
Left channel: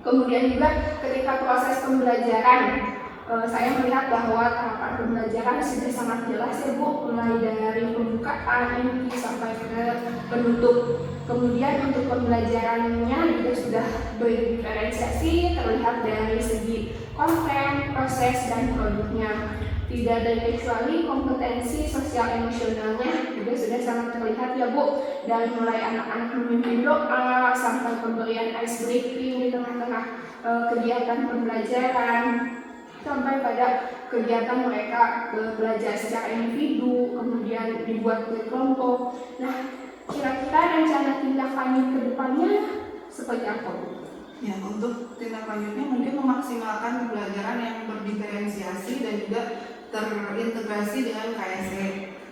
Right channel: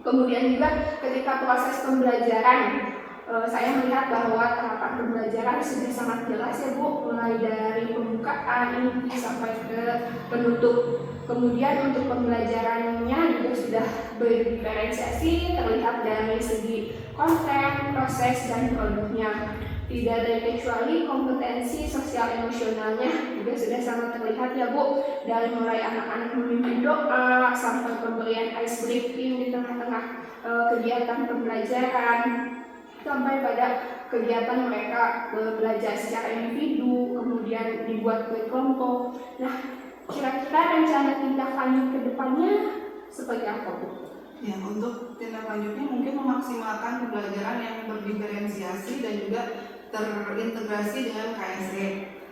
Kemudian juga ketika proses pembelajaran, saya melihat bahwa tahapan pembelajaran sudah sangat jelas ya Bu, mulai dari pembukaan inti sampai ke penutup. Kemudian untuk pembelajarannya juga sudah berdiferensiasi, terlihat dari segi konten, proses, dan produknya. Tidak terkecuali kompetensi sosial emosionalnya juga sudah sangat terlihat ya Bu, dari mulai anak-anak memimpin doa sampai pemberian ice breaking di tengah-tengah kegiatan pembelajaran, sampai pada kegiatan mereka belajar secara individu, kemudian dibuat oleh kelompok. Nah, kira-kira rencana tindak lanjut ke depannya seperti apa, Bu? Ya, untuk tindak lanjutnya mungkin memaksimalkan pembelajaran yang berdiferensiasi dan juga terintegrasi dengan KSE,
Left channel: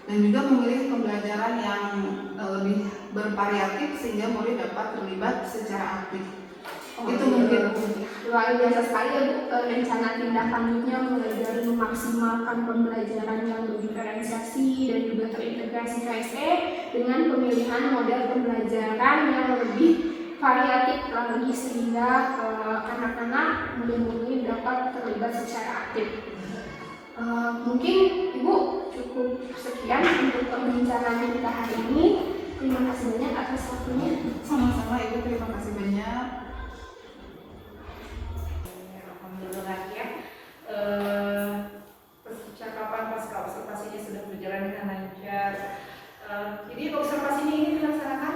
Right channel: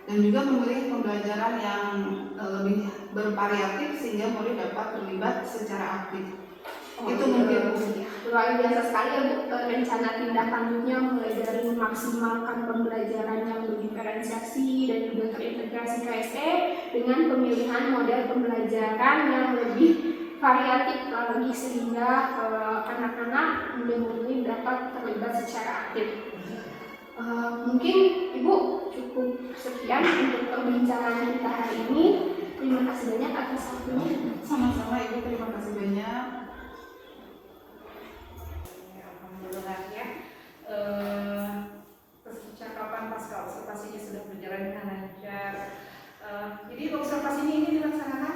dan juga memilih pembelajaran yang lebih bervariatif sehingga murid dapat terlibat secara aktif. Itu mungkin luar biasa sekali ya Bu, rencana tindak lanjutnya mulai dari memaksimalkan pembelajaran yang berdiferensiasi dan juga terintegrasi KSE dengan pemilihan model pembelajaran yang lebih variatif lagi sehingga anak-anak murid-murid dapat terlibat secara aktif. Mungkin Ibu cukup sekian untuk perbincangan kita hari ini. Terima kasih banyak atas waktunya. Sama-sama Ibu, terima kasih banyak. Alhamdulillah ya, percakapan pasca observasinya sudah berjalan dengan lancar. Jadi observasinya ini dilaksanakan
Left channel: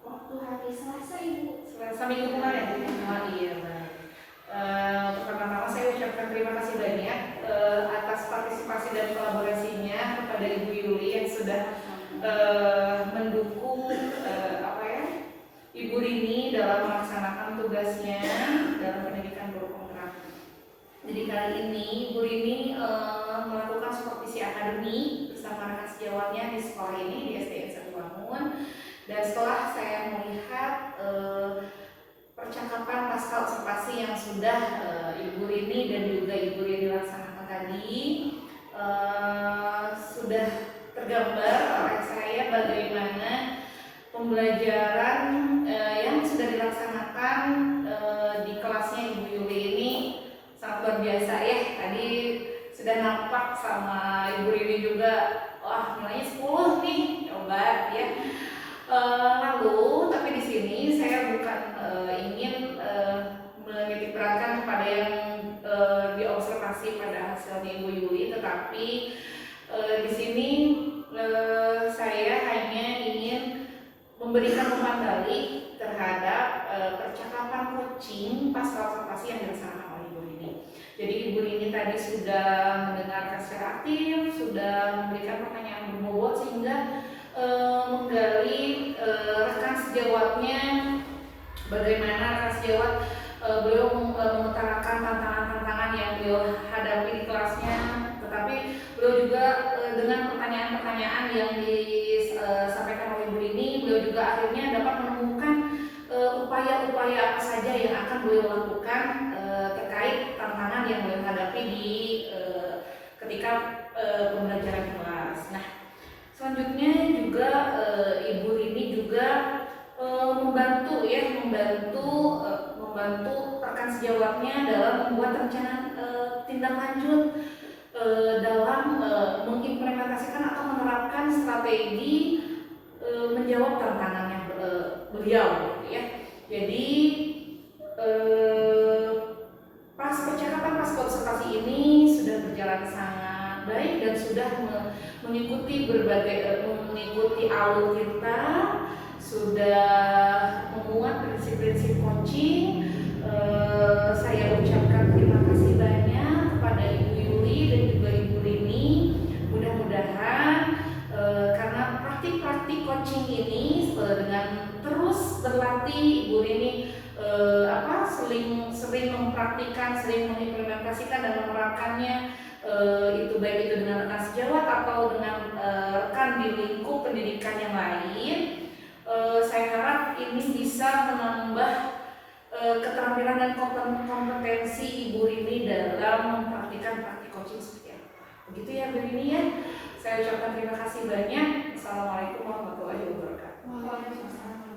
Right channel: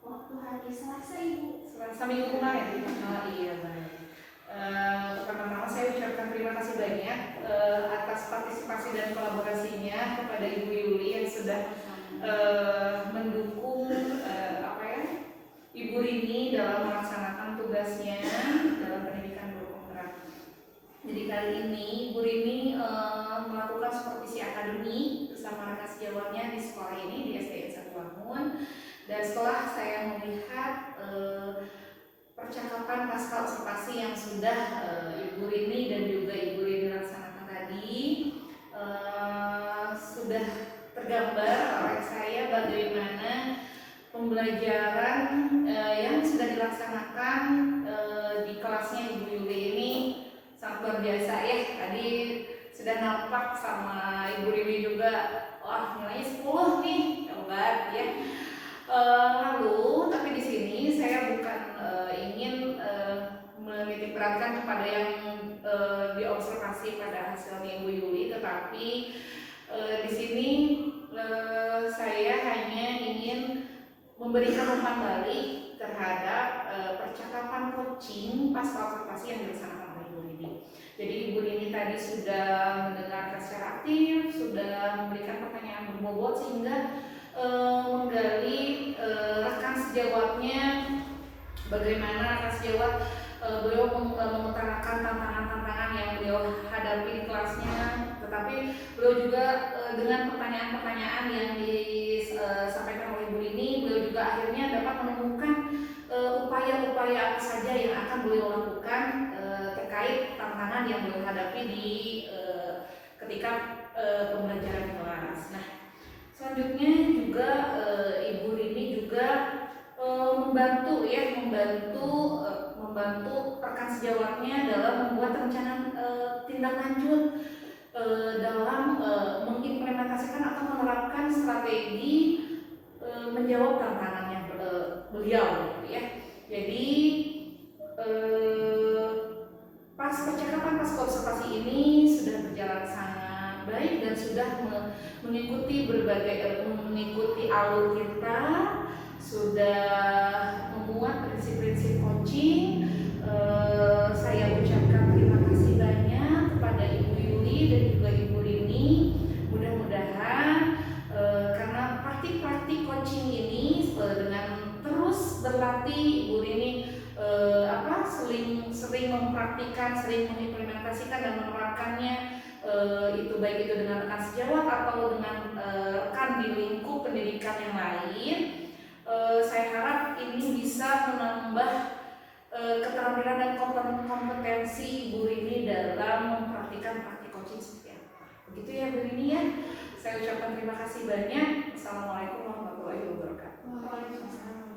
waktu hari Selasa Ibu. Selasa minggu kemarin. Oh iya, baik. Pertama-tama saya ucapkan terima kasih banyak atas partisipasi dan kolaborasinya kepada Ibu Yuli yang sudah mendukung Ibu Rini dalam melaksanakan tugasnya dalam pendidikan guru penggerak. Jadi kali ini Ibu Rini melakukan supervisi akademi bersama rekan sejawatnya di sekolah ini di SDN 1 Bangun. Dan setelah saya melihat percakapan pasca observasi yang sudah Ibu Rini dan juga Ibu Rini laksanakan tadi, sudah tergambar oleh saya bagaimana pembelajaran yang sudah dilaksanakan di kelasnya Ibu Yuli ini sangat luar biasa ya. Tadi sudah nampak sama Ibu Rini juga wah nilainya 10 nih, hebat ya. Lalu tapi di sini saya bukan ingin menitik beratkan kepada yang diobservasi pada hasilnya Ibu Yuli, tetapi di sini saya hanya ingin memberikan umpan balik terhadap percakapan coaching pasca observasi yang dilaksanakan oleh Ibu Rini. Jadi Ibu Rini tadi sudah mendengarkan secara aktif, sudah memberikan pertanyaan berbobot sehingga menggali rekan sejawatnya, bagaimana rekan sejawat beliau mengutarakan tantangan-tantangan yang beliau hadapi di kelasnya, tetapi beliau juga dengan pertanyaan-pertanyaan yang disampaikan oleh Ibu Rini, beliau juga akhirnya dapat menemukan upaya-upaya apa saja yang akan beliau lakukan terkait tantangan yang beliau hadapi di ketika pembelajaran kelas. Nah, selanjutnya juga Ibu Rini juga membantu rekan sejawatnya dalam membuat rencana tindak lanjut dalam mengimplementasikan atau menerapkan strategi menjawab tantangannya beliau gitu ya. Jadi pas percakapan pas observasi ini sudah berjalan sangat baik dan sudah mengikuti mengikuti alur kita, sudah memuat prinsip-prinsip coaching. Saya ucapkan terima kasih banyak kepada Ibu Yuli dan juga Ibu Rini. Mudah-mudahan karena praktik-praktik coaching ini dengan terus berlatih, Ibu Rini sering mempraktikkan, sering mengimplementasikan dan menerapkannya, itu baik itu dengan rekan sejawat atau dengan rekan di lingkup pendidikan yang lain. Saya harap ini bisa menambah keterampilan dan kompetensi Ibu Rini dalam mempraktikkan praktik coaching seperti apa. Begitu ya Bu Rini ya. Saya ucapkan terima kasih banyak. Assalamualaikum warahmatullahi wabarakatuh. Waalaikumsalam.